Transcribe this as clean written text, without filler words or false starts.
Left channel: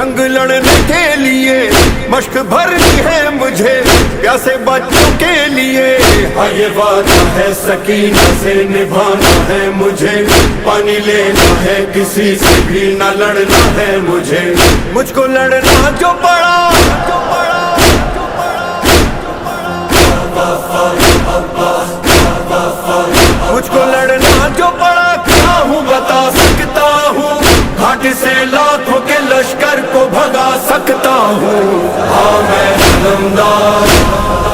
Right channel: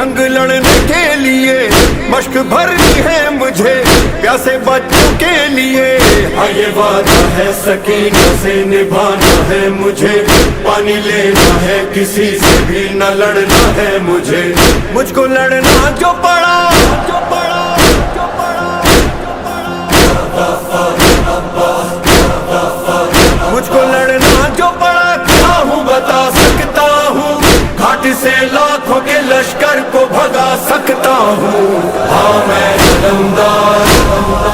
جنگ لڑنے کے لیے مشق بھرنی ہے مجھے پیاسے بچوں کے لیے. ہاں یہ وعدہ ہے سکینہ سے نبھانا ہے مجھے, پانی لینا ہے کسی سے بھی نہ لڑنا ہے مجھے. مجھ کو لڑنا جو پڑا مجھ کو لڑنا جو پڑا کیا ہوں بتا سکتا ہوں, گھاٹ سے لاکھوں کے لشکر کو بھگا سکتا ہوں. ہاں میں علمدار